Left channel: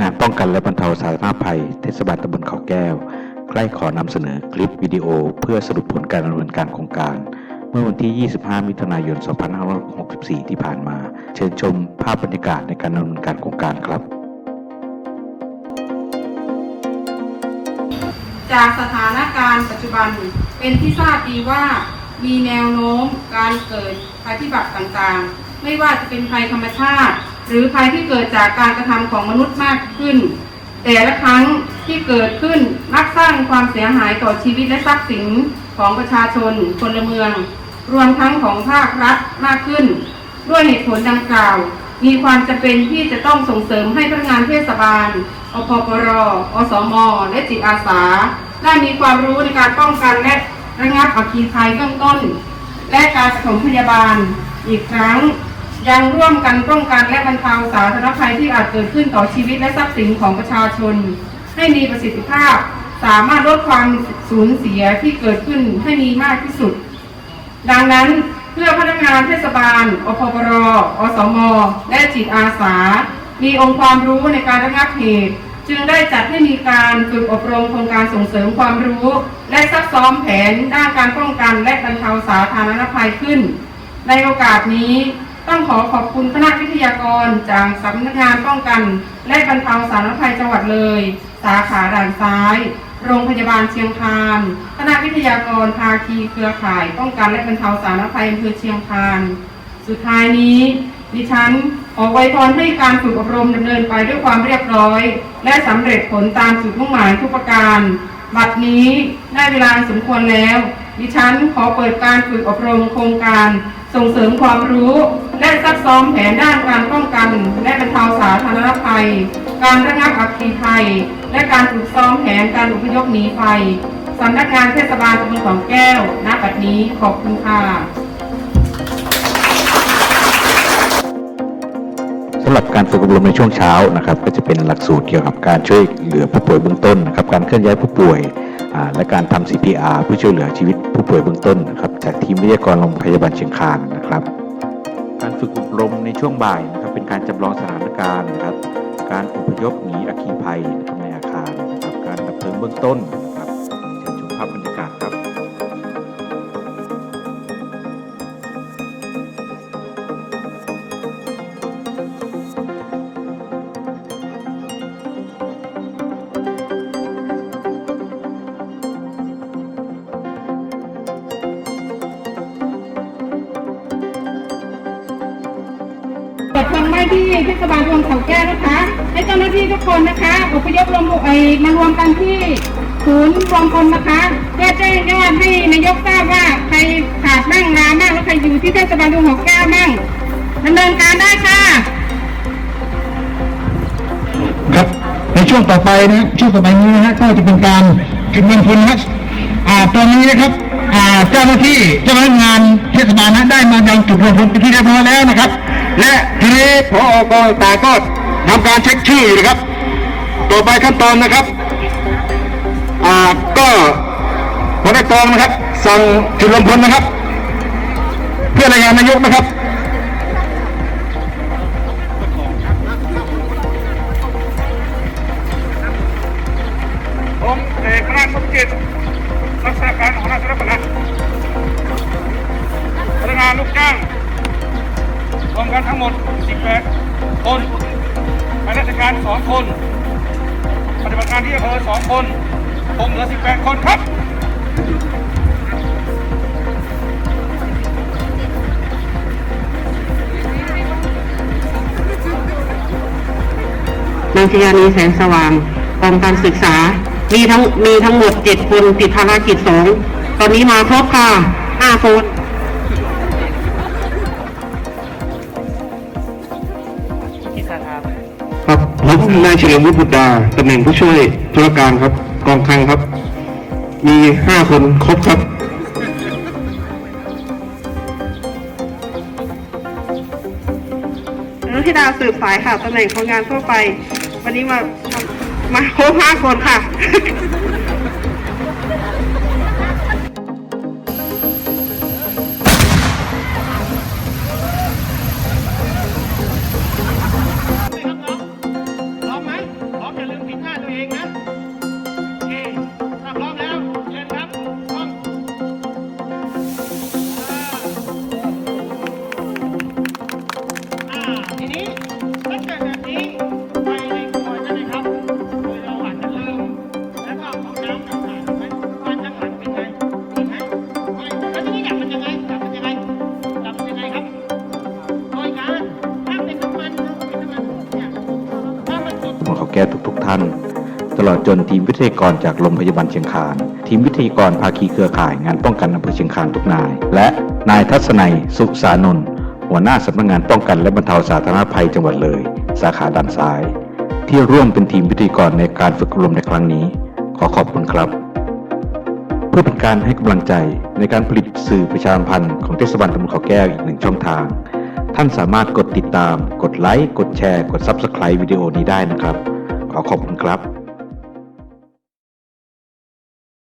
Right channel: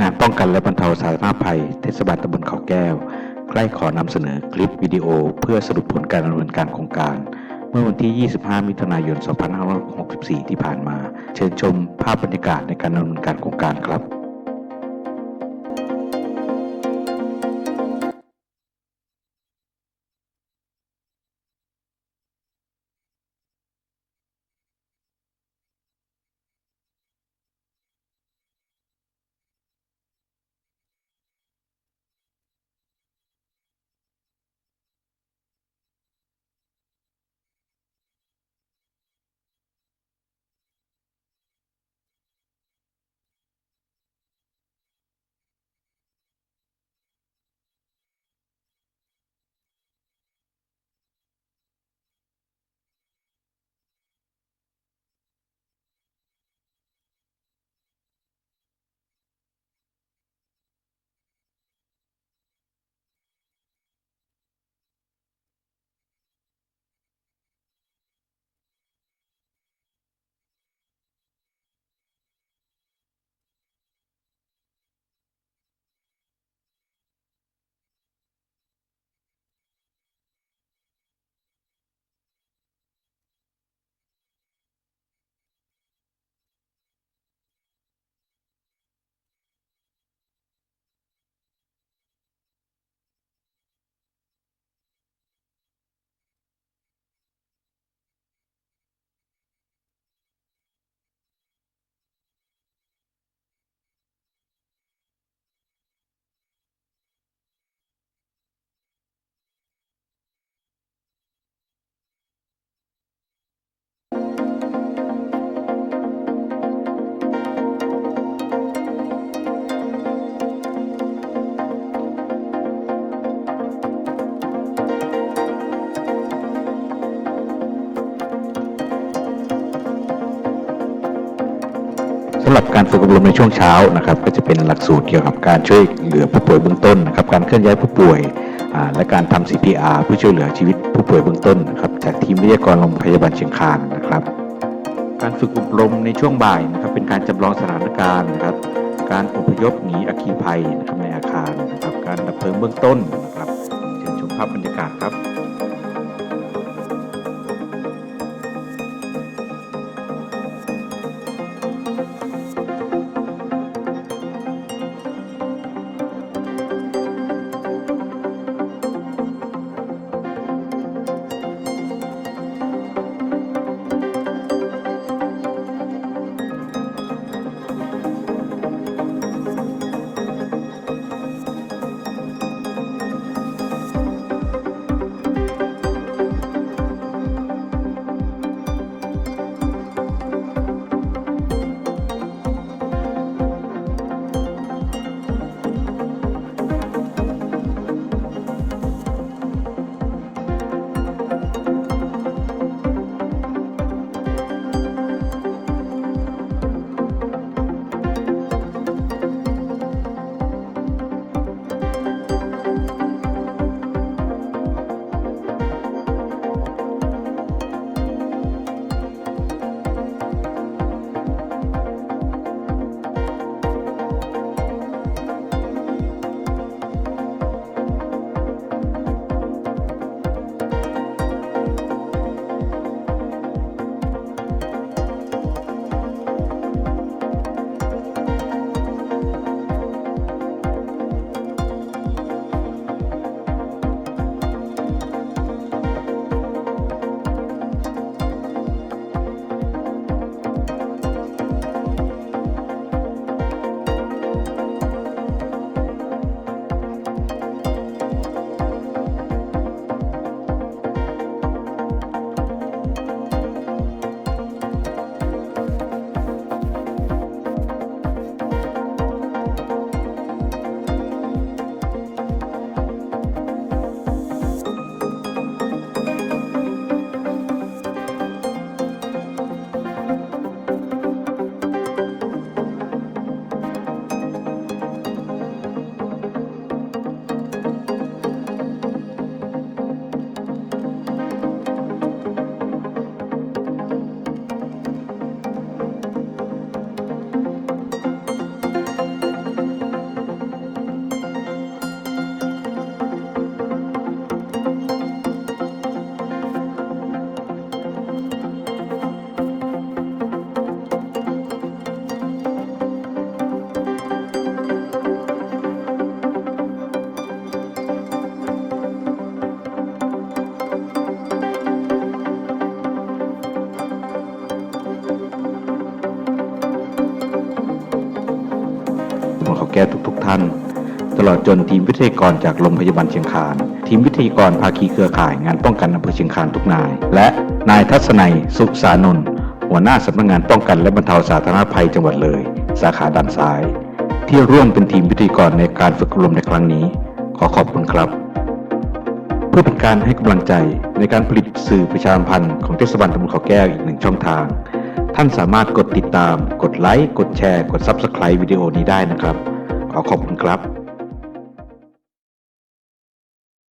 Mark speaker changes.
Speaker 1: งานป้องกันและบรรเทาสาธารณภัย เทศบาลตำบลเขาแก้ว ใกล้ขอนำเสนอคลิปวิดีโอ เพื่อสรุปผลการดำเนินการโครงการ เมื่อวันที่ 25 มิถุนายน 2564 ที่ผ่านมา เชิญชมภาพบรรยากาศในการดำเนินการโครงการครับ
Speaker 2: จากสถานการณ์ปัจจุบันเป็นที่ทราบดีว่ามีแนวโน้มการเกิดภัยพิบัติต่างๆ ไม่ว่าจะเป็นภัยธรรมชาติ รือภัยที่เกิดจากการกระทำของมนุษย์มากขึ้น แต่ละครั้งที่เกิดขึ้นมักสร้างความเสียหายต่อชีวิตและทรัพย์สินของประชาชนพลเมือง รวมทั้งของภาครัฐมากขึ้น ด้วยเหตุผลดังกล่าว มีความจำเป็นที่จะต้องส่งเสริมให้พนักงานเทศบาลอพปรอสมและจิตอาสา ได้มีความรู้ในการป้องกันและระงับอัคคีภัยเบื้องต้น และการปฐมพยาบาลอีกครั้ง ยังร่วมกันป้องกันและบรรเทาสาธารณภัยที่อาจเกิดขึ้นต่อชีวิตและทรัพย์สินของประชาชน ให้มีประสิทธิภาพ สามารถลดความสูญเสียที่เกิดขึ้นให้มีมากที่สุด ดังนั้นเพื่อพนักงานเทศบาลอพปรอสม และจิตอาสา มีองค์ความรู้ในการระงับเหตุ จึงได้จัดให้มีการฝึกอบรมโครงการส่งเสริมความรู้ และซักซ้อมแผนด้านการป้องกันและบรรเทาสาธารณภัยขึ้น ในโอกาสนี้ ต้องขอขอบคุณคณะวิทยากรจากสำนักงานป้องกัน และบรรเทาสาธารณภัยจังหวัดเลย สาขาด่านซ้าย โรงพยาบาลเชียงคานคณะวิทยากรภาคีเครือข่าย ป้องกันและบรรเทาสาธารณภัยอำเภอเชียงคานสุดท้ายนี้ ดิฉันขอไว้พรให้การฝึกอบรมดำเนินไปด้วยความเรียบร้อย และสำเร็จผลตามจุดมุ่งหมายทุกประการ บัดนี้ได้เวลาสมควรแล้ว ดิฉันขอเปิดการฝึกอบรมโครงการ ส่งเสริมความรู้ และซักซ้อมแผนด้านการป้องกัน และบรรเทาสาธารณภัย การระงับอัคคีภัย และการฝึกซ้อมแผนการอพยพหนีภัยสำนักงานเทศบาลตำบลเขาแก้วณบัดนี้ขอบคุณค่ะ
Speaker 1: สำหรับการฝึกอบรมในช่วงเช้านะครับ ก็จะเป็นหลักสูตรเกี่ยวกับการช่วยเหลือผู้ป่วยเบื้องต้นนะครับการเคลื่อนย้ายผู้ป่วย และการทำ CPR เพื่อช่วยเหลือชีวิตผู้ป่วยเบื้องต้นนะครับจากทีมวิทยากรโรงพยาบาลเชียงคานนะครับ การฝึกอบรมในช่วงบ่ายนะครับเป็นการจำลองสถานการณ์นะครับ การอพยพหนีอัคคีภัยนะครับในอาคารนะครับการดับเพลิงเบื้องต้นนะครับเชิญชมภาพบรรยากาศครับ
Speaker 2: ที่เทศบาลเมืองเขาแก้วนะคะให้เจ้าหน้าที่ทุกคนนะคะอพยพรวมไปมารวมกันที่ศูนย์รวมพลนะคะเพื่อแจ้งยอดให้นายกทราบว่าใครขาดบ้างลาบ้างแล้วใครอยู่ที่เทศบาลเมืองเขาแก้วบ้างดำเนินการได้ค่ะ
Speaker 3: ครับในช่วงต่อไปนะช่วงต่อไปนี้นะฮะก็จะเป็นการจุดเงินทุนนะอ่าตอนนี้นะครับ เจ้าหน้าที่เจ้าพนักงานเทศบาลนั้นได้มายังจุดรวมพลเป็นที่เรียบร้อยแล้วนะครับ และทีนี้พอกองต่างก็ทำการเช็คชื่อนะครับ ต่อไปขั้นตอนนะครับอ่าก็หัวหน้ากองนะครับสั่งจุดรวมพลนะครับ เพื่อรายงานนายกนะครับา
Speaker 4: ราชการ2คน ปฏิบัติการที่อำเภอ2คนผมเหลือ18คนครับ
Speaker 5: นางชยานีแสงสว่างกองการศึกษา มีทั้งมีทั้งหมดเจ็ดคนติดภารกิจสองตอนนี้มาครบค่ะห้าคน
Speaker 3: ครับผมนายเฉลิมวุฒิบุตรดาตำแหน่งผู้ช่วยธุรการครับกองคลังครับ มีห้าคนครบครับ
Speaker 5: นธิดาสืบสายค่ะตำแหน่งคนงานทั่วไป วันนี้มามาครบห้าคนค่ะ เขา
Speaker 1: แก้วทุก ๆ ท่าน ตลอดจนทีมวิทยากรจากโรงพยาบาลเชียงคาน ทีมวิทยากรภาคีเครือข่ายงานป้องกันอำเภอเชียงคานทุกนาย และนายทัศนัยสุสานนท์หัวหน้าสำนักงานป้องกันและบรรเทาสาธารณภัยจังหวัดเลย สาขาด้านซ้าย ที่ร่วมเป็นทีมวิทยากรในการฝึกอบรมในครั้งนี้ ขอขอบคุณครับเพื่อเป็นการให้กำลังใจในการผลิตสื่อประชาสัมพันธ์ของเทศบาลตำบลเขาแก้วอีกหนึ่งช่องทาง ท่านสามารถกดติดตาม กดไลค์ กดแชร์ กด Subscribe วิดีโอนี้ได้นะครับ ขอขอบคุณครับ